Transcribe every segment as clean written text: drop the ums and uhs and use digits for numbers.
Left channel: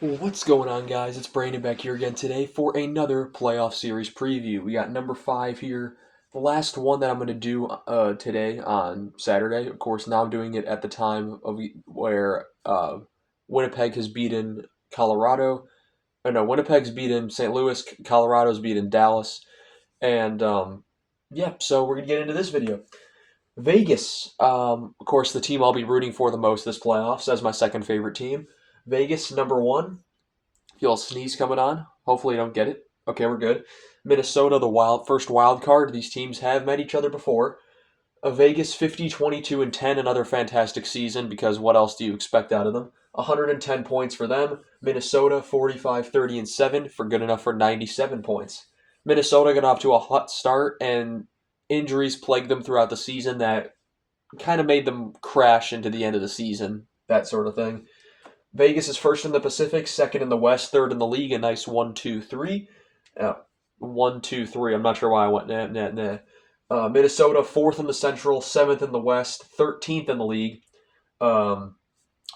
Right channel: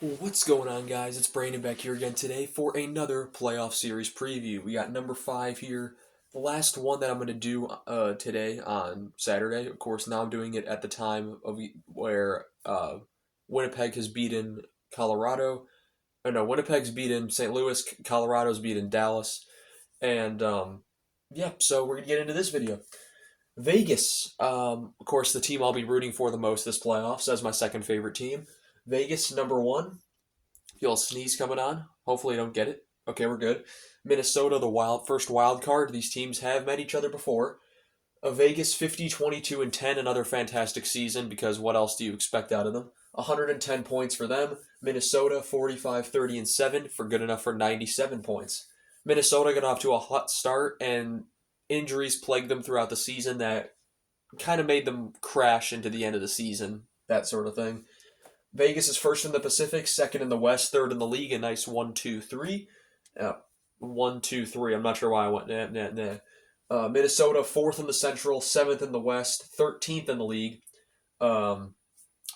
What's going on, guys? It's Brandon back here again today for another playoff series preview. We got number 5 here, the last one that I'm going to do today on Saturday. Of course, now I'm doing it at the time of where Winnipeg has beaten Colorado. No, Winnipeg's beaten St. Louis, Colorado's beaten Dallas, and yeah. So we're gonna get into this video. Vegas, of course, the team I'll be rooting for the most this playoffs as my second favorite team. Vegas, number 1. Feel a sneeze coming on. Hopefully, you don't get it. Okay, we're good. Minnesota, the first wild card. These teams have met each other before. Vegas, 50, 22, and 10. Another fantastic season because what else do you expect out of them? 110 points for them. Minnesota, 45, 30, and 7 for good enough for 97 points. Minnesota got off to a hot start, and injuries plagued them throughout the season that kind of made them crash into the end of the season, that sort of thing. Vegas is first in the Pacific, second in the West, third in the league. A nice 1-2-3. 1-2-3. I'm not sure why I went nah. Minnesota, fourth in the Central, seventh in the West, 13th in the league.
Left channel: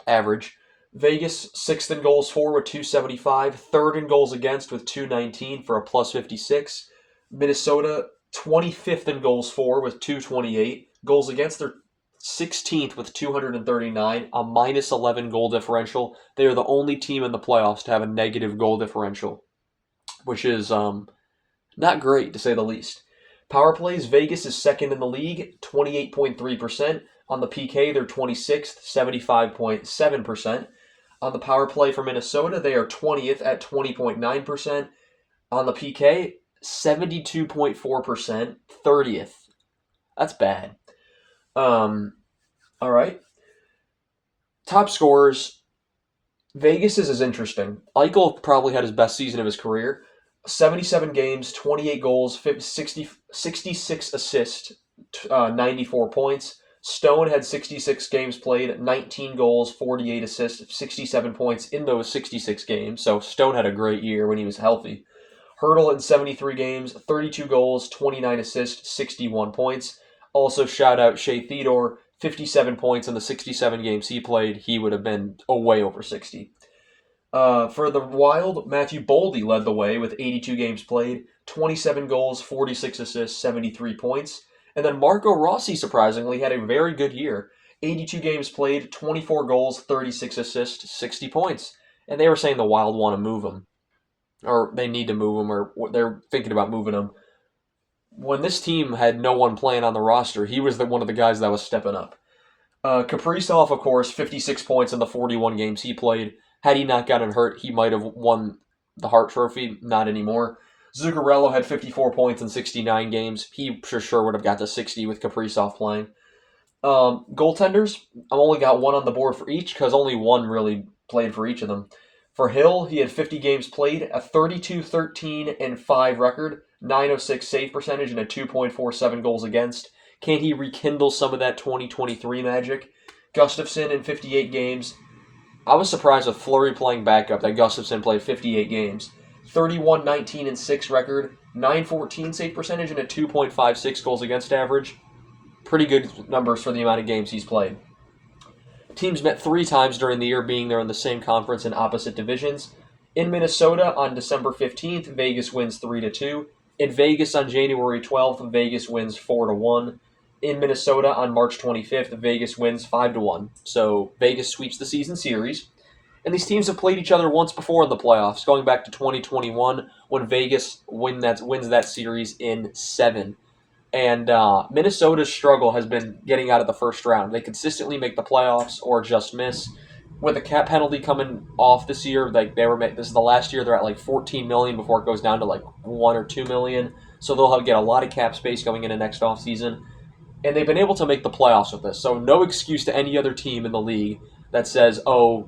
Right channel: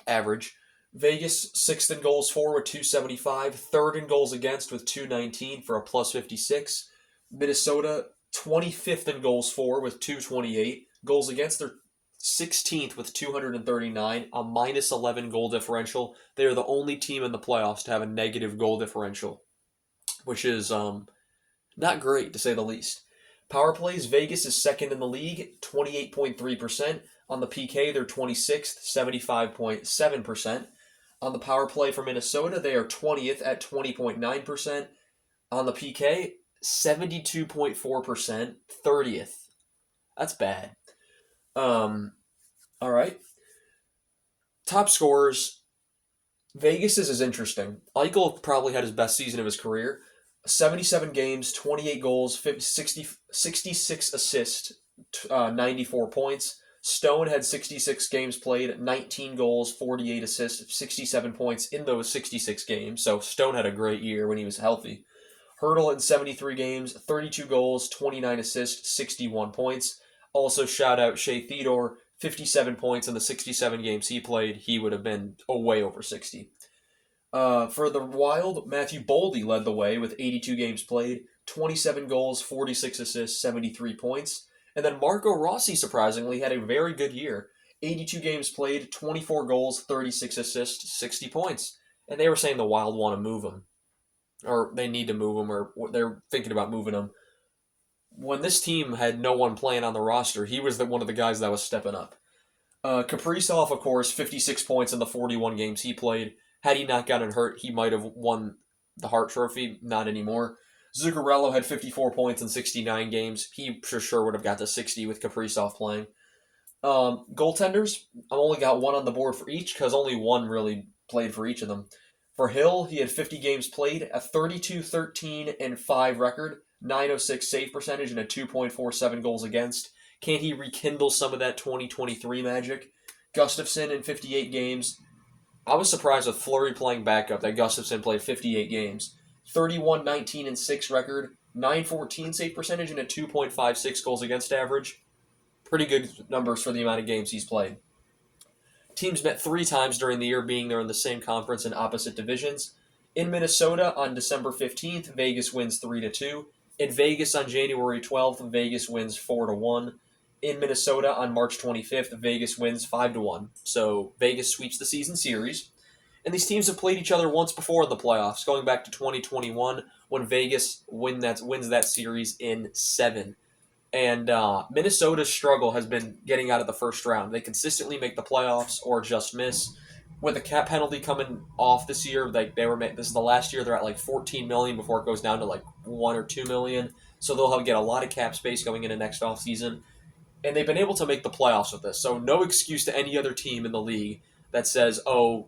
Average. Vegas, sixth in goals for with 275, third in goals against with 219 for a plus 56. Minnesota, 25th in goals for with 228. Goals against, they're 16th with 239, a minus 11 goal differential. They are the only team in the playoffs to have a negative goal differential, which is not great to say the least. Power plays, Vegas is second in the league, 28.3%. On the PK, they're 26th, 75.7%. On the power play for Minnesota, they are 20th at 20.9%. On the PK, 72.4%, 30th. That's bad. All right. Top scorers. Vegas is interesting. Eichel probably had his best season of his career. 77 games, 28 goals, 66 assists, 94 points. Stone had 66 games played, 19 goals, 48 assists, 67 points in those 66 games. So Stone had a great year when he was healthy. Hurdle in 73 games, 32 goals, 29 assists, 61 points. Also, shout out Shea Theodore, 57 points in the 67 games he played. He would have been way over 60. For the Wild, Matthew Boldy led the way with 82 games played, 27 goals, 46 assists, 73 points. And then Marco Rossi, surprisingly, had a very good year. 82 games played, 24 goals, 36 assists, 60 points. And they were saying the Wild want to move him. Or they need to move him, or they're thinking about moving him. When this team had no one playing on the roster, he was one of the guys that was stepping up. Kaprizov, of course, 56 points in the 41 games he played. Had he not gotten hurt, he might have won the Hart Trophy. Not anymore. Zuccarello had 54 points in 69 games. He for sure would have got to 60 with Kaprizov playing. Goaltenders, I've only got one on the board for each because only one really played for each of them. For Hill, he had 50 games played, a 32-13-5 record, 906 save percentage, and a 2.47 goals against. Can he rekindle some of that 2023 magic? Gustafsson in 58 games. I was surprised with Fleury playing backup that Gustafsson played 58 games. 31-19-6 record, 914 save percentage, and a 2.56 goals against average. Pretty good numbers for the amount of games he's played. Teams met 3 times during the year, being there in the same conference in opposite divisions. In Minnesota on December 15th, Vegas wins 3-2. In Vegas on January 12th, Vegas wins 4-1. In Minnesota on March 25th, Vegas wins 5-1. So Vegas sweeps the season series. And these teams have played each other once before in the playoffs, going back to 2021 when Vegas wins that series in 7. And Minnesota's struggle has been getting out of the first round. They consistently make the playoffs or just miss. With the cap penalty coming off this year, this is the last year they're at like 14 million before it goes down to like 1 or 2 million. So they'll get a lot of cap space going into next offseason. And they've been able to make the playoffs with this. So no excuse to any other team in the league that says, we're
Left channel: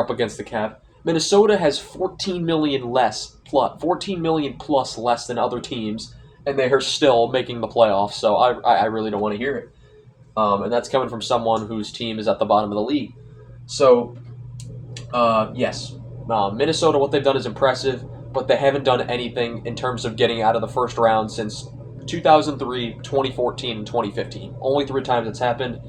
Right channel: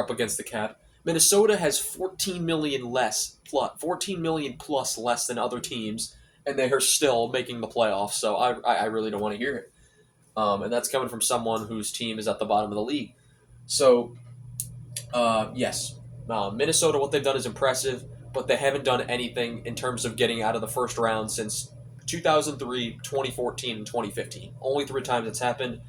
up against the cap. Minnesota has 14 million plus less than other teams, and they are still making the playoffs. So I really don't want to hear it. And that's coming from someone whose team is at the bottom of the league. So, yes, Minnesota, what they've done is impressive, but they haven't done anything in terms of getting out of the first round since 2003, 2014, and 2015. Only 3 times it's happened.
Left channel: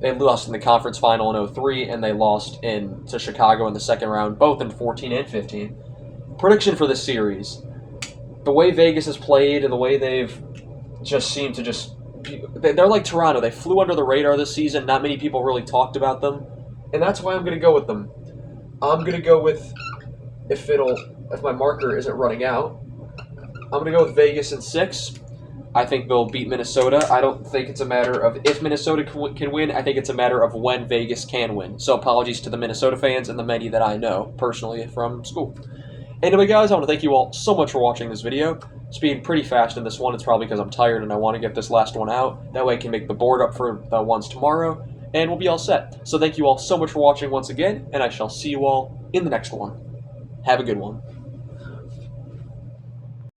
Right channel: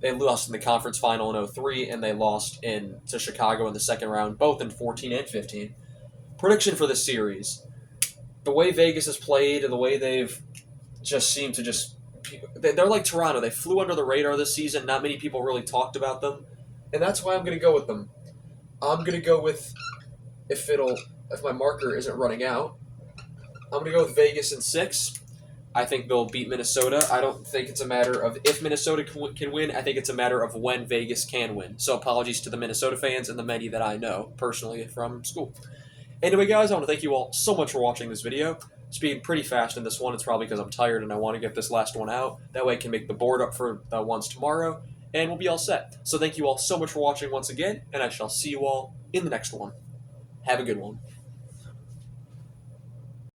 They lost in the conference final in 03, and they lost to Chicago in the second round, both in 14 and 15. Prediction for this series. The way Vegas has played and the way they've just seemed to they're like Toronto. They flew under the radar this season. Not many people really talked about them. And that's why I'm going to go with them. I'm going to go with, if my marker isn't running out, I'm going to go with Vegas in 6. I think they'll beat Minnesota. I don't think it's a matter of if Minnesota can win. I think it's a matter of when Vegas can win. So apologies to the Minnesota fans and the many that I know personally from school. Anyway, guys, I want to thank you all so much for watching this video. Speeding pretty fast in this one. It's probably because I'm tired and I want to get this last one out. That way I can make the board up for the ones tomorrow, and we'll be all set. So thank you all so much for watching once again, and I shall see you all in the next one. Have a good one.